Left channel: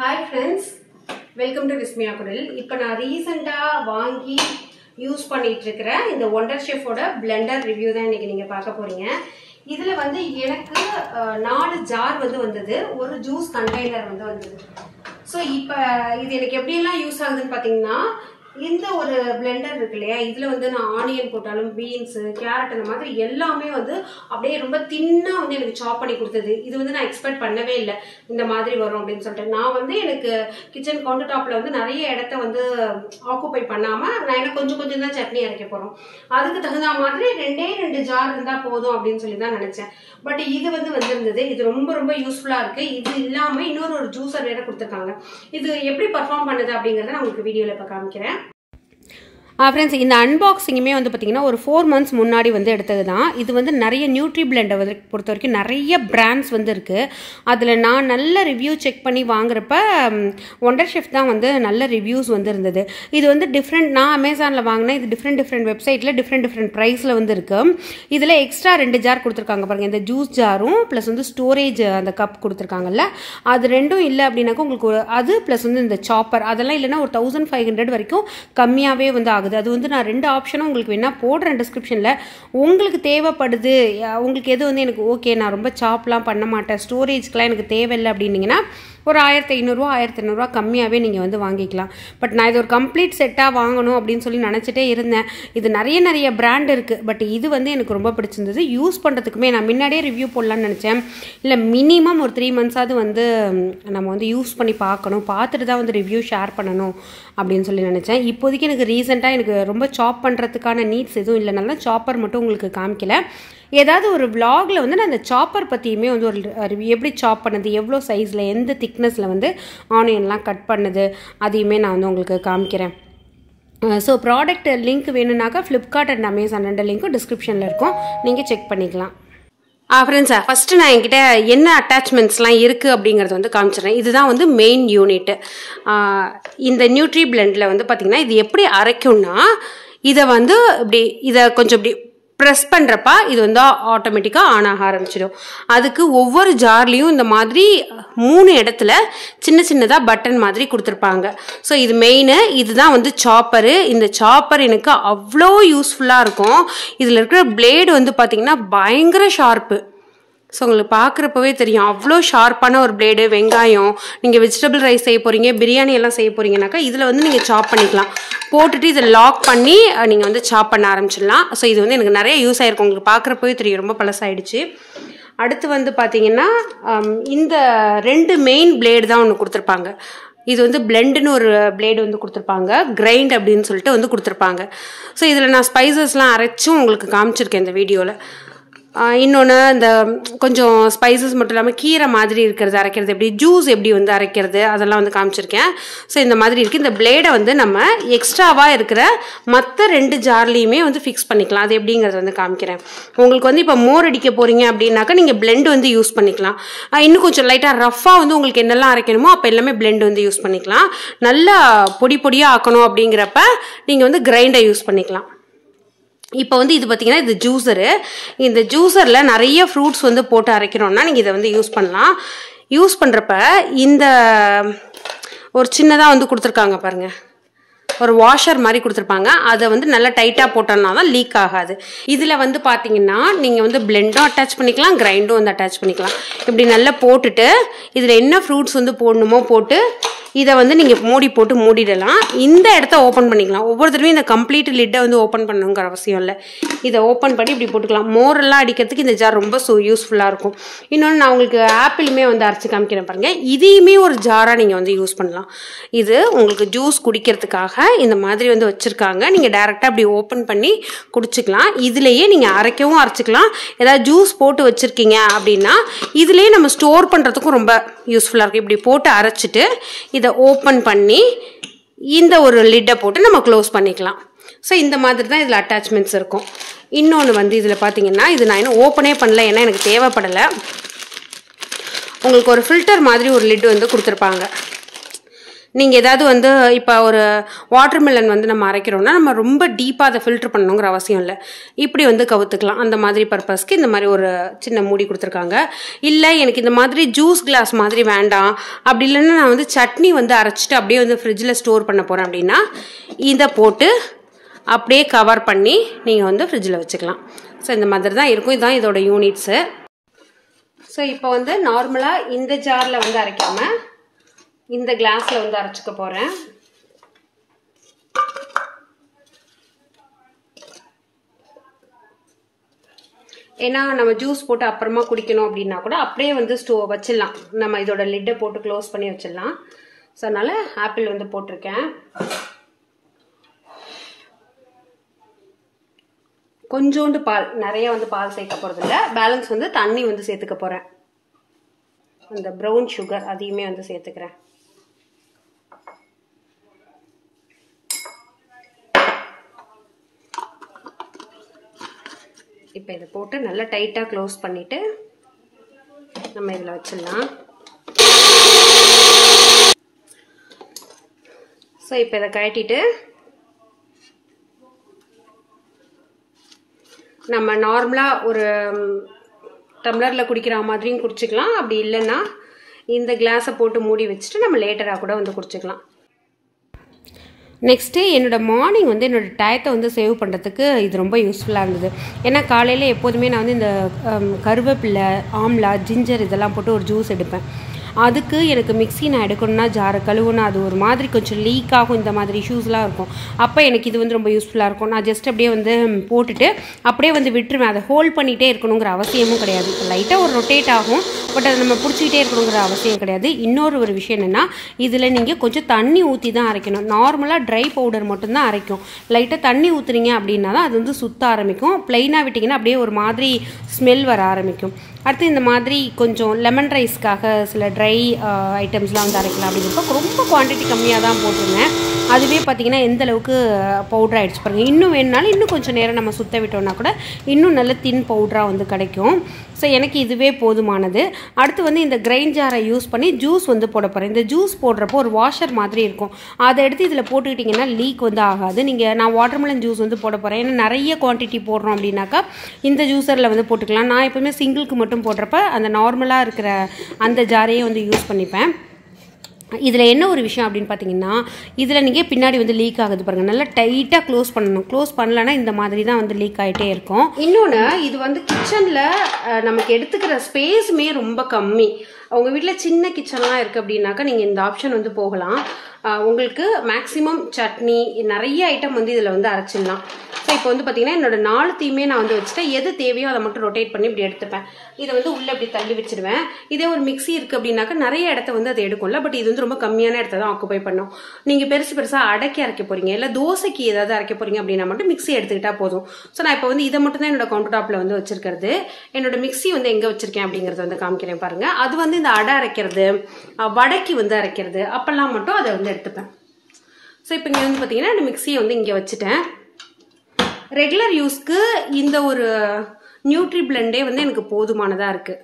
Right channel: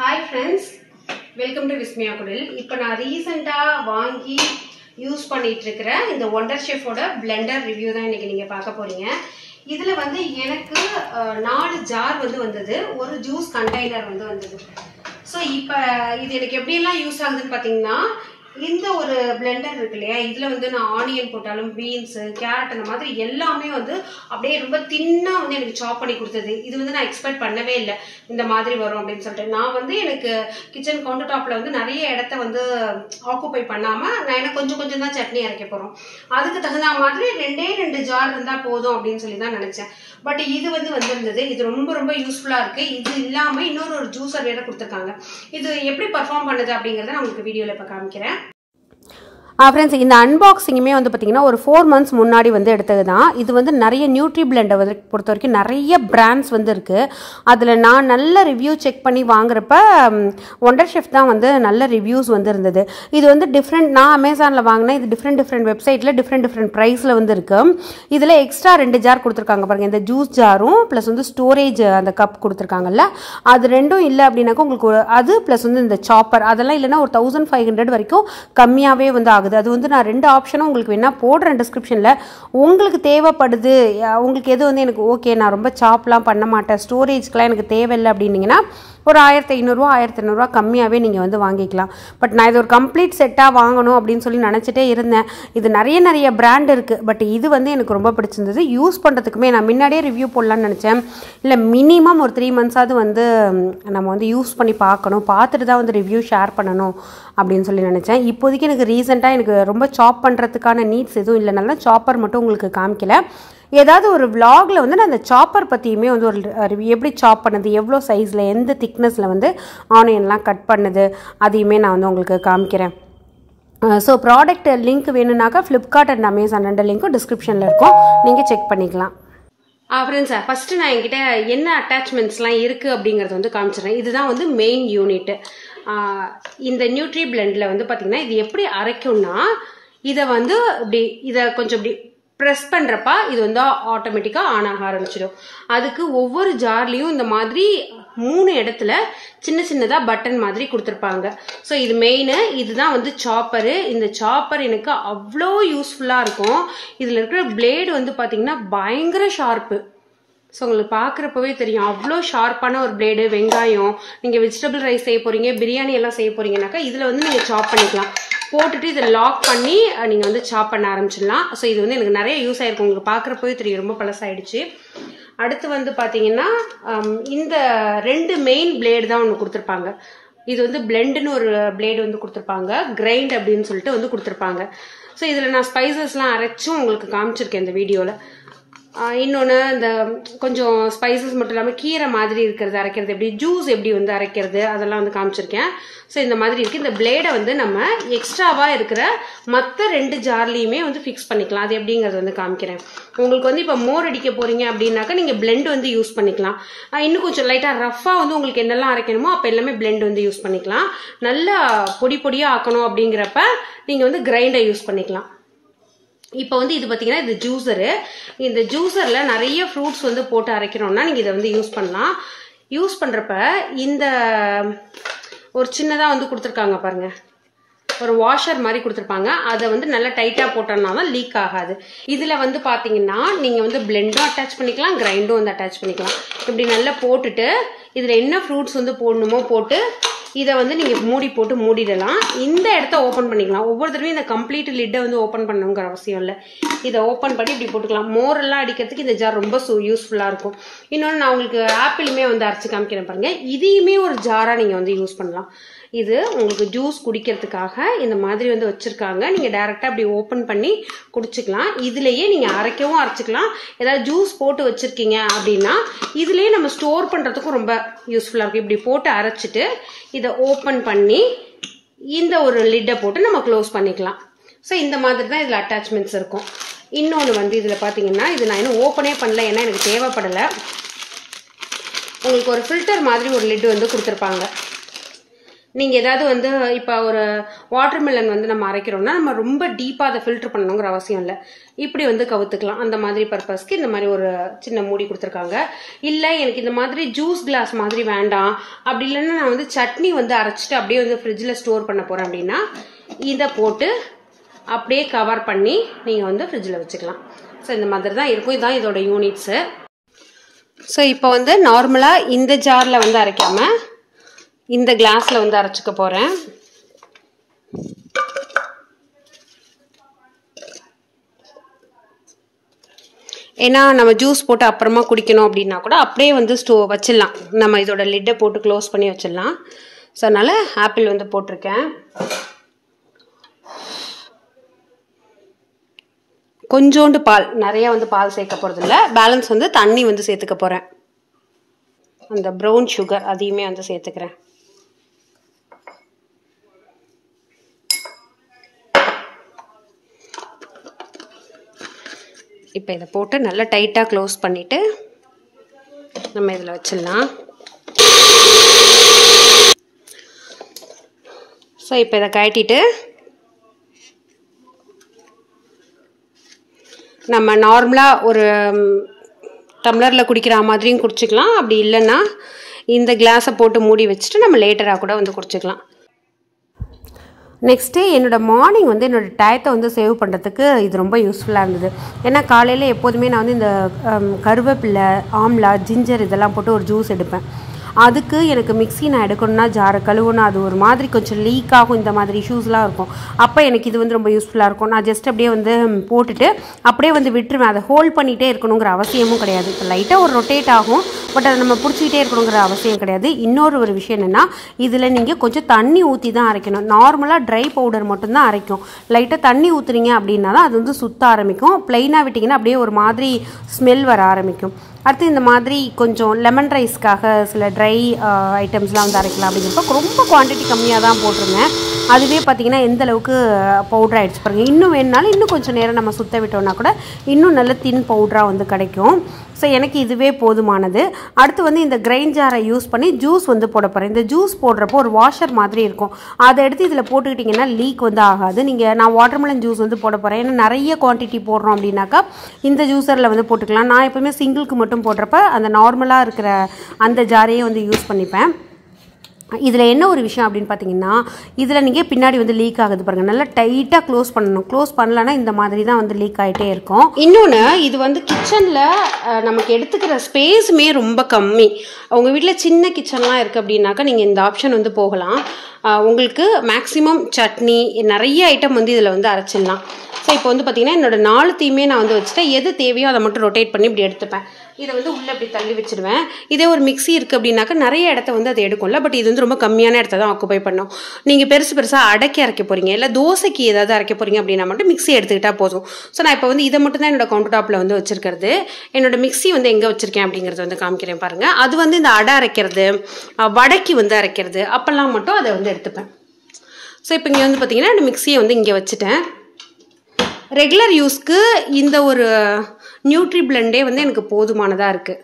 Hi friends, welcome to Vismaya Kudil. இப்போ நான் ரீசெண்டா வாங்கி யூஸ் பண்ணிட்டு இருக்கிற இந்த ஒண்டர் ஷெஃபோட பிளெண்டர் ரிவ்யூ தான் இன்னைக்கு நீங்க பார்க்க போறீங்க. இதுல வந்து எனக்கு 4 ஜார் வந்தது, ஒரு ஜூஸ் கண்டெய்னர் வந்தது. ஸோ இப்போ இது எனக்கு எப்படியெல்லாம் யூஸ் ஆகுதுன்னு பார்த்தீங்கன்னா, இந்த ஒரு பிளெண்டர் இருக்கு இல்லையா, இதில் நான் ஆனியன் போட்டாலும் பீன்ஸு கேரட் அந்த மாதிரி எல்லாமே அப்படியே ரொம்ப தின்னாக எனக்கு சாப் பண்ணி கொடுத்தது. இது நான் எக்ஸ்பெக்ட் பண்ணவே இல்லை இந்த மாதிரி வரும் அப்படின்னு சொல்லிட்டு. நான் எனக்கு கிச்சன் கவுண்டர் டாப்பில் நிறைய இடத்த ஆக்குப்பை பண்ணாமல் நான் எனக்கு கொஞ்சம் கொஞ்சம் தான் சட்னி அரைக்க போகிறோம். அதுக்கு தகுந்த மாதிரி 2 ஜார் இருந்தால் போதும் அப்படின்னு சொல்லி தான் நினச்சேன். பட் இது வந்திருந்தது. இது ரொம்ப ரொம்ப யூஸ்ஃபுல்லாக இருக்குது. இது இல்லாமல் இன்னொரு ஜூஸர் வேறு கொடுத்துருக்காங்க. இது எப்படி பர்ஃபார்ம் பண்ணுது அப்படிங்கிறத நான் உங்களுக்கு வீடியோவில் இப்போ காமிக்கிறேன். ஃப்ரெண்ட்ஸ், இந்த அன்பாக்சிங்குமே பார்த்தீங்கன்னா ஒரு 4 months முன்னாடி எடுத்தது தான். இது நிறைய நியூட்ரி பிளெண்டை பொறுத்த வரைக்கும் நிறைய பிராண்ட்ஸ் இருக்குது. அதில் நான் நல்ல ரிவ்யூ செக் பண்ணி வாங்குறப்ப ஒண்டர் ஷெஃப் தான் நல்ல ரிவ்யூஸ் இருந்தது. இது டிஃப்ரெண்ட், நான் அமேசானில் வாங்கினேன். இது டிஃப்ரெண்ட் வெப்சைட்டில் டிஃப்ரெண்ட் ப்ரைஸில் இருக்குது. இதில் எக்ஸ்ட்ரா 2 ஜார் கொடுத்துருக்காங்க பாருங்கள். இந்த ஜூஸ் ஜாரும் ப்ளஸ் ஸ்டோரேஜ் அந்த கப் கொடுத்துருக்காங்கல்ல, அது ரெண்டும் இல்லை அப்படின்னாக்கா உங்களுக்கு அது ப்ளஸ் இந்த சாப்பர் அதெல்லாம் இல்லைன்னா ஒரு 1500 வரைக்கும் கம்மியாகவே ஆகுது. அது நான் 2 ஆப்ஷனும் உங்களுக்கு வேணா போடுறேன் டிஸ்கிரிப்ஷனில். உங்களுக்கு தேவைப்படுது, உங்களுக்கு எது எனக்கு ஓகே, நான் ரொம்ப சாப்லாம் பண்ண மாட்டேன், ஸ்டோரேஜ்க்கெலாம் எனக்கு தேவையில்லை அப்படின்னீங்கன்னா ஒரு 1500 கம்மியாகவே நீங்கள் வாங்கிக்கலாம். பட் நான் இது ஒரு கம்ப்ளீட் செட்டாக வாங்கணும் அப்படின்னு சொல்லி நினச்சிட்டே இருந்தேன். இது நிறைய பிராண்ட் இருக்குது. பட் இது எனக்கு ரொம்ப பிடிச்சிருந்தது. யூஸ் பண்ணுறதுக்குமே நான் முன்னாடியே ரிவ்யூ போடலான்னு நினச்சேன். இல்லை மினிமம் ஒரு 3 months நம்ம யூஸ் பண்ணி பார்க்கணும், பார்த்துட்டு தான் ரிவ்யூ ஷேர் பண்ணணும் அப்படின்னு சொல்லி நினச்சேன். இப்போதைக்கு எனக்கு ரீசெண்டாக எனக்கு ரொம்ப சாப் பண்ணுறதுக்கான நீட்ஸ் எதுவும் இல்லைனால சாப்பர் மட்டும் உங்களுக்கு காமிக்கல. ஏதாவது ஒரு விலாகில் நான் அந்த சாப்பர் பற்றியுமே ஒரு ரிவ்யூ, எப்படி சாப் பண்ணுது, எவ்வளோ சைஸில் எந்த திக்னஸில் ஆனியன்லாம் கட் பண்ணுது, அதையுமே நான் உங்களுக்கு காமிக்கிறேன். ஸோ ப்ராடக்ட் லிங்க் வேணும்னாக்கா ஃப்ளிப்கார்ட் அண்ட் அமேசான் 2 லிங்க்கும் டிஸ்கிரிப்ஷனில் இருக்கும், நீங்கள் செக் பண்ணிக்கலாம். ஃப்ரெண்ட்ஸ், ஃபஸ்ட்டு நான் என்கிட்ட என்ன அட்டாச்மெண்ட்ஸ்லாம் இருக்குது அப்படிங்கிறது காமிச்சிடுறேன். இதுதான் மெயின் யூனிட். இந்த நியூட்ரி பிளெண்டில் பார்த்தீங்கன்னா இது எப்படி அரைக்கும்னா, இதை இதை கொஞ்சம் இப்படி ப்ரெஸ் பண்ணுறப்ப இது ஆட்டோமேட்டிக்காக ஆன் ஆக ஆரம்பிச்சிடும். அதுக்கு ஒவ்வொரு ஜார்லேயும் இந்த மாதிரி 3 இடத்துல சின்னதாக பட்டன் மாதிரி கொடுத்துருப்பாங்க. ஸோ இது மெயின். இதுதான் சாப்பரு. இந்த சாப்பர் எனக்கு அவ்வளோ யூஸ்ஃபுல்லாக இருக்கும். இதில் இருக்கிற பிளேடு பார்த்தீங்கன்னா பயங்கர ஷார்ப்பு. ஸோ உங்களுக்கு பார்க்குறப்பவே தெரியும், அவ்வளோ ஷார்ப்பான ஒரு பிளேடு. வெங்காயம், நீங்கள் வெஜிடபிள் ரைஸ் செய்ய போகிறீங்க, பிரியாணி எல்லாம் செய்ய போகிறீங்கனாக்கா இதில் நீங்கள் சாப் பண்ணிக்கலாம். போட்டுட்டு இதை லாக் பண்ணி நீங்கள் சாப் பண்ண ஆரம்பிச்சிடலாம். ஸோ இது எனக்கு நிறைய யூஸ் ஆகிருக்கும். உங்களுக்கு பார்க்குறப்பவே தெரியும், ரொம்ப பழசாயிடுச்சு. அடுத்து பார்த்தீங்கன்னா இந்த 2 மெயின் பிளேடு தான் ஒன்று கொடுத்துருப்பாங்க. இது பிளெண்டுன்னு ஒரு பிளேடு கொடுத்துருப்பாங்க, கிரைண்ட் அப்படின்னு சொல்லிட்டு கொடுத்துருப்பாங்க. ஸோ இதில் நான் ஸ்பைசஸ்லாம் அரைச்சும் உங்களுக்கு காமிச்சிருக்கேன் இந்த வீடியோவில். இன்னொன்று இந்த கொஞ்சம் ஸ்பைசஸ் மட்டும் இல்லாமல் கீரை மாதிரி இருக்கிறது அரைக்கிறது, எப்படி ஜூஸ் எப்படி அரைக்கிறது அதெல்லாம் காமிச்சிருக்கேன். ஸோ இந்த மாதிரி இருக்குது. இந்த பிளேடை நம்ம எக்ஸ்ட்ராவாக இருக்கிற மற்ற 2 ஜார்லேயுமே ஃபிக்ஸ் பண்ணிக்கலாம். அது எப்படிங்கிறது காமிக்கிறேன். உங்களுக்கு இப்போ மோர் அடிக்க போகிறீங்க அப்படின்னாக்கா நீங்கள் பிளெண்ட் யூஸ் பண்ணிக்கலாம். இன்னும் கொஞ்சம் லைட்டாக ரஃப்பாக உங்களுக்கு என்னெல்லாம் அரைக்கணுமோ அப்போ எல்லாமே பிளெண்ட் யூஸ் பண்ணிக்கலாம். நல்லா பொடியாக ஆக்கணும் அப்படிங்கிறப்ப நீங்கள் கிரைண்டை யூஸ் பண்ணிக்கலாம். இப்போ இது பார்த்தீங்கன்னா இது ஜூஸரு. இந்த ஜூஸரில் நிறைய ஃப்ரூட்ஸ் போட்டு அரைக்கிறோன்னா நீங்கள் இதை யூஸ் பண்ணலாம். யூஸ் பண்ணுறப்ப இந்த ஒரு சின்னதாக கொடுத்துருக்காங்க பாருங்கள், ஒரு வாஷர் மாதிரி கொடுத்துருப்பாங்க. அதை நல்லா டைட்டாக போட்டோம்னா தான் லீக் ஆகாது. இதில் பார்த்தீங்கன்னா நீங்கள் பிளெண்டும் அட்டாச் பண்ணிக்கலாம், கிரைண்டும் அட்டாச் பண்ணிக்கலாம். இப்படி நல்லா போட்டுட்டு இதில் என்ன ஃப்ரூட்ஸ் போடணுமோ போட்டு இதை நீங்கள் மூடி போட்டு மூடிடலாம். இந்த இடத்த ஓப்பன் பண்ணிக்கலாம். ஒவ்வொரு தடவையும் இந்த கம்ப்ளீட் லிட்டை ஓப்பன் பண்ணணுங்கிற அவசியம் இல்லை. இதை ஓப்பன் பண்ணி இப்படி போட்டுக்கலாம். மோரெல்லாம் அடிக்கிறதுக்கு இந்த ஜார் ரொம்ப யூஸ்ஃபுல்லாக இருக்கும். இன்னொன்று நான் உங்களுக்கு ஆப்பிளுமே அரைச்சி காமிக்கிறேன் பாருங்கள். இதையுமே ஒரு ஜாராக நீங்கள் யூஸ் பண்ணலாம். இது உங்களுக்கு ஜூஸ் குடிக்கிறதுக்காக இந்த மாதிரி வச்சுருக்காங்க. நீங்கள் டேரெக்டாக அப்படி ஓப்பன் பண்ணி குடிச்சிக்கலாம். இதுலேயே நீங்கள் அரைக்கவும் அரைச்சிக்கலாம். ஏதாவது ஜூஸ் போட்டு வச்சுருக்கீங்க அப்படின்னா இதுலேயே நம்ம ஸ்டோர் பண்ணுறதுக்கும் ரொம்ப யூஸ்ஃபுல்லாக இருக்கும். இப்படி போட்டு அரைச்சிட்டு இதை ஓப்பன் பண்ணி இந்த ஒரு லிட்டை போட்டு நம்ம க்ளோஸ் பண்ணிக்கலாம். ஸோ இந்த மாதிரி தான் இதில் அட்டாச்மெண்ட்ஸ் இருக்கும். இன்னொன்று இதில் பார்த்தீங்கன்னா இது நான் இன்னும் ஓப்பனே பண்ணல, ஏன்னா எனக்கு தேவைப்படலை. உங்களுக்கு ஒரு ஃபில்டர் மாதிரி ஒரு லிட்டு கொடுத்துருப்பாங்க. நீங்கள் ஏதாவது வந்து இப்போ ஒரு வாட்டர்மெலன் வந்து நம்ம அரைக்கிறோம்னா நம்ம ரொம்ப டீப்பாக அதை ஃபில்டர் பண்ணணுங்கிற அவசியம் இல்லை. இப்படி வந்து கவுத்துக்கலாம். அந்த மாதிரி பர்பஸ்க்கு இந்த மாதிரி ஒரு சின்ன மூடி கொடுத்துருக்காங்க. இல்லை எனக்கு இந்த மாதிரி ஜூஸ் கிளாஸ் மாதிரி வேண்டாம், அப்படி இல்லைன்னா நான் வந்து சட்னி வந்து அரைச்சிட்டு அப்படியே வந்து ஃப்ரிட்ஜில் ஸ்டோர் பண்ண போகிறேன் அப்படின்னா இதை போட்டு அப்படியே கவர் பண்ணி நீங்கள் வந்து ஃப்ரிட்ஜில் வச்சுக்கலாம். ஸோ இந்த மாதிரி தான் இருக்கும். இதுதான் இதோட யூனிட்ஸு. ஸோ இப்போ வந்து நார்மலாக இந்த ஜாரில் வந்து அரைக்காமல் இந்த கிளாஸில் வந்து அரைச்சிக்க போகிறேன். ஏன்னா நம்ம ஜூஸ் போட்டு அப்புறமா குடிக்கணும் அப்படின்னா கூட அப்படியே வந்து வச்சிடலாம். நம்ம இதோட லிட்டை போட்டு க்ளோஸ் பண்ணி வச்சிடலாம். ஸோ அதனால் ஆப்பிள் வந்து போட்டிருக்கேன். கொஞ்சோண்டு பால், நிறைய வந்து பால் சேர்க்க போகிறது இல்லை. பேலன்ஸ் வந்து தண்ணி வந்து சேர்த்துக்க போகிறேன். அந்த ப்ரௌன் சுகர் அதையுமே வந்து சேர்த்துக்கிறேன். இப்போ இதை போட்டு நல்லா டைட்டாக க்ளோஸ் பண்ணிவிட்டு நம்ம இதில் வச்சிடலாம். ஸோ இப்போ இதை கழட்டிட்டு நம்ம நார்மலாக ஒரு டம்ளரில் குடிக்கிற மாதிரியும் குடிச்சிக்கலாம். அப்படி இல்லைன்னா இந்த கிளாஸை போட்டு மூடி வச்சுட்டு நம்ம லேட்டராக கூட வந்து குடிச்சிக்கலாம். நெக்ஸ்ட்டு என்னோடய மார்னிங் வந்து என்னோடய டயத்தை வந்து சேவ் பண்ணுறதுக்கு இது ரொம்ப யூஸ்ஃபுல்லாக இருந்தது. ஏன்னா காலையில் எப்போதுமே நான் வந்து இந்த கருவேப்பிலை, ஆம்லா, ஜிஞ்சர் இதெல்லாம் போட்டு ஒரு ஜூஸ் எடுப்பேன். அதுக்கு எனக்கு மிக்ஸி நான் எடுக்கணும்னா ஜாரை கழுவணும், அது ஒரு மாதிரி கொஞ்சம் லீக் ஆகும், இந்த மாதிரி இஷ்யூஸ்லாம் இருக்கும். அப்போ எனக்கு இது வந்து ரொம்ப யூஸ்ஃபுல்லாக இருக்கும். நான் ஜஸ்ட் அப்படியே வந்து போட்டுட்டு அப்படியே வந்து விட்டுருவேன். அதை ஹோல்ட் பண்ணிகிட்டே இருக்கணுங்கிற அவசியமும் கிடையாது. இப்போ லைட்டாக ஒரு ரொட்டேட் ஆகும், பட் அதை நம்ம பிடிச்சிக்கிட்டே இருக்கணுங்கிற அவசியம் கிடையாது. இன்னொரு விஷயம் என்னென்னா இதில் நீங்கள் கொஞ்சம் தண்ணி ஊற்றி தான் அரைக்கணும். நார்மலாக ட்ரை பவுடர் மட்டும்தான் அரைக்கும். லைட்டாக தண்ணி ஊற்றுறீங்க அப்படின்னா தான் அது வந்து சுத்த ஆரம்பிக்கும். ப்ளைனாக விட்டிங்கன்னா அப்படியே ஒரு மாதிரி ஸ்மெல் வர ஆரம்பிக்கும். அடுத்து இந்த மாதிரி கொஞ்சம் லெமன் ரைஸ்க்காக சில ட்ரை ஐட்டம்ஸ்லாம் வந்து அரைக்கலாம் அப்படிங்கிறப்ப ரொம்ப குவான்டிட்டி கம்மியாக தான் போட்டிருந்தேன். அதுவே பார்த்திங்கன்னா எந்த அளவுக்கு பவுடர் ஆகிடுச்சு பாருங்கள். இன்னும் வேணுனாலும் இன்னும் கொஞ்சம் நேரம் நம்ம சுற்ற விட்டோம்னா கூட இன்னும் நல்ல தின் பவுடராக வந்து கிடைக்கும். ஸோ எனக்கு இதுவே போதுமானது. அடுத்து வந்து இந்த கிரைண்ட் ஜாரை யூஸ் பண்ணி ஜூஸ் வந்து போட போகிறேன். இந்த ஜூஸ் போடுறப்போ ஒரு வாஷர் மாதிரி இருக்கும், அதை எடுத்து இதில் போட்டுக்கிட்டிங்கன்னா லீக் வந்து ஆகாது. நான் வாட்டர்மெலன் ஜூஸ் வந்து போட போகிறேன். ஏன்னா நிறைய குவான்டிட்டி போடுறோம் அப்படின்னாக்கா இந்த ஜூஸரில் வந்து போட்டுக்கலாம். நான் எப்போவுமே சிங்கிளுக்கு மட்டும் போடுறப்ப அந்த நார்மலாக இருக்கிற அந்த ஜாரையே வந்து யூஸ் பண்ணிப்பேன். இதில் என்ன ஒரு விஷயம் அப்படின்னு பார்த்தீங்கன்னா இதில் நீங்கள் பின்னாடி வந்து லீக் ஆகுது பாருங்கள். நல்லா டைட்டாக க்ளோஸ் பண்ணணும். க்ளோஸ் பண்ணலன்னா இந்த மாதிரி தான் வந்து லீக் ஆகிட்டே இருக்கும். இன்னொன்று, இது வந்து கிச்சனில் நமக்கு எடுத்துக்கிற ஸ்பேஸுமே ரொம்ப கம்மி. உங்கள் வீட்டில் சின்ன கிச்சன்லாம் இருக்குது அப்படின்னாக்கா நீங்கள் இந்த ஆப்ஷன் வந்து போகலாம். உங்களுக்கு மேக்ஸிமம் சட்னி நிறைய ஐட்டம் வந்து இதில் வந்து அரைச்சிடலாம். ஸோ இப்போ வந்து பார்த்தீங்கன்னா என்னோட 4 தீமே நான் வந்து வச்சுட்டேன். எது தேவையோ அதை மட்டும் ரொட்டேட் பண்ணி இப்படி எடுத்துப்பேன். இதை வந்து உள்ளே அப்படி தள்ளி வச்சுடுவேன். இதே ஒரு மிக்ஸி இருக்குது அப்படின்னாக்கா நிறைய இடத்த வந்து அதை எடுக்கும்ல, பட் இது வந்து ரொம்ப கம்மியான இடத்த தான் ஆக்குபை பண்ணும். நீங்கள் பெருசாக அரைக்க போகிறீங்க, இல்லை தோசைக்கு ஏதாவது அரைக்க போகிறீங்க அப்படின்னா மட்டும் மிக்ஸி எடுத்துக்கிட்டால் போதும். ஸோ நான் இப்போ வந்து இதை மட்டும் தான் என்னோட கவுண்டர் டாப்பில் வந்து வச்சிருக்கிறது. என்னோட மிக்ஸி வந்து எங்கே வச்சிருக்கேன் அப்படிங்கிறது வந்து காமிக்கிறேன் பாருங்கள். அது வந்து இந்த அடை அரைக்கிறது, வடைக்கு வந்து அரைக்கிறது அப்போல்லாம் மட்டும் அதை வந்து எடுத்துப்பேன். ஸோ இப்போ இங்கே வந்து பார்த்தீங்கன்னா இந்த மிக்ஸியை வந்து இங்கே வச்சுட்டேன். ரெகுலர் யூஸ்க்கு இந்த ஒரு நியூட்ரி பிளெண்டே வந்து எனக்கு போதுமானதாக இருக்குது.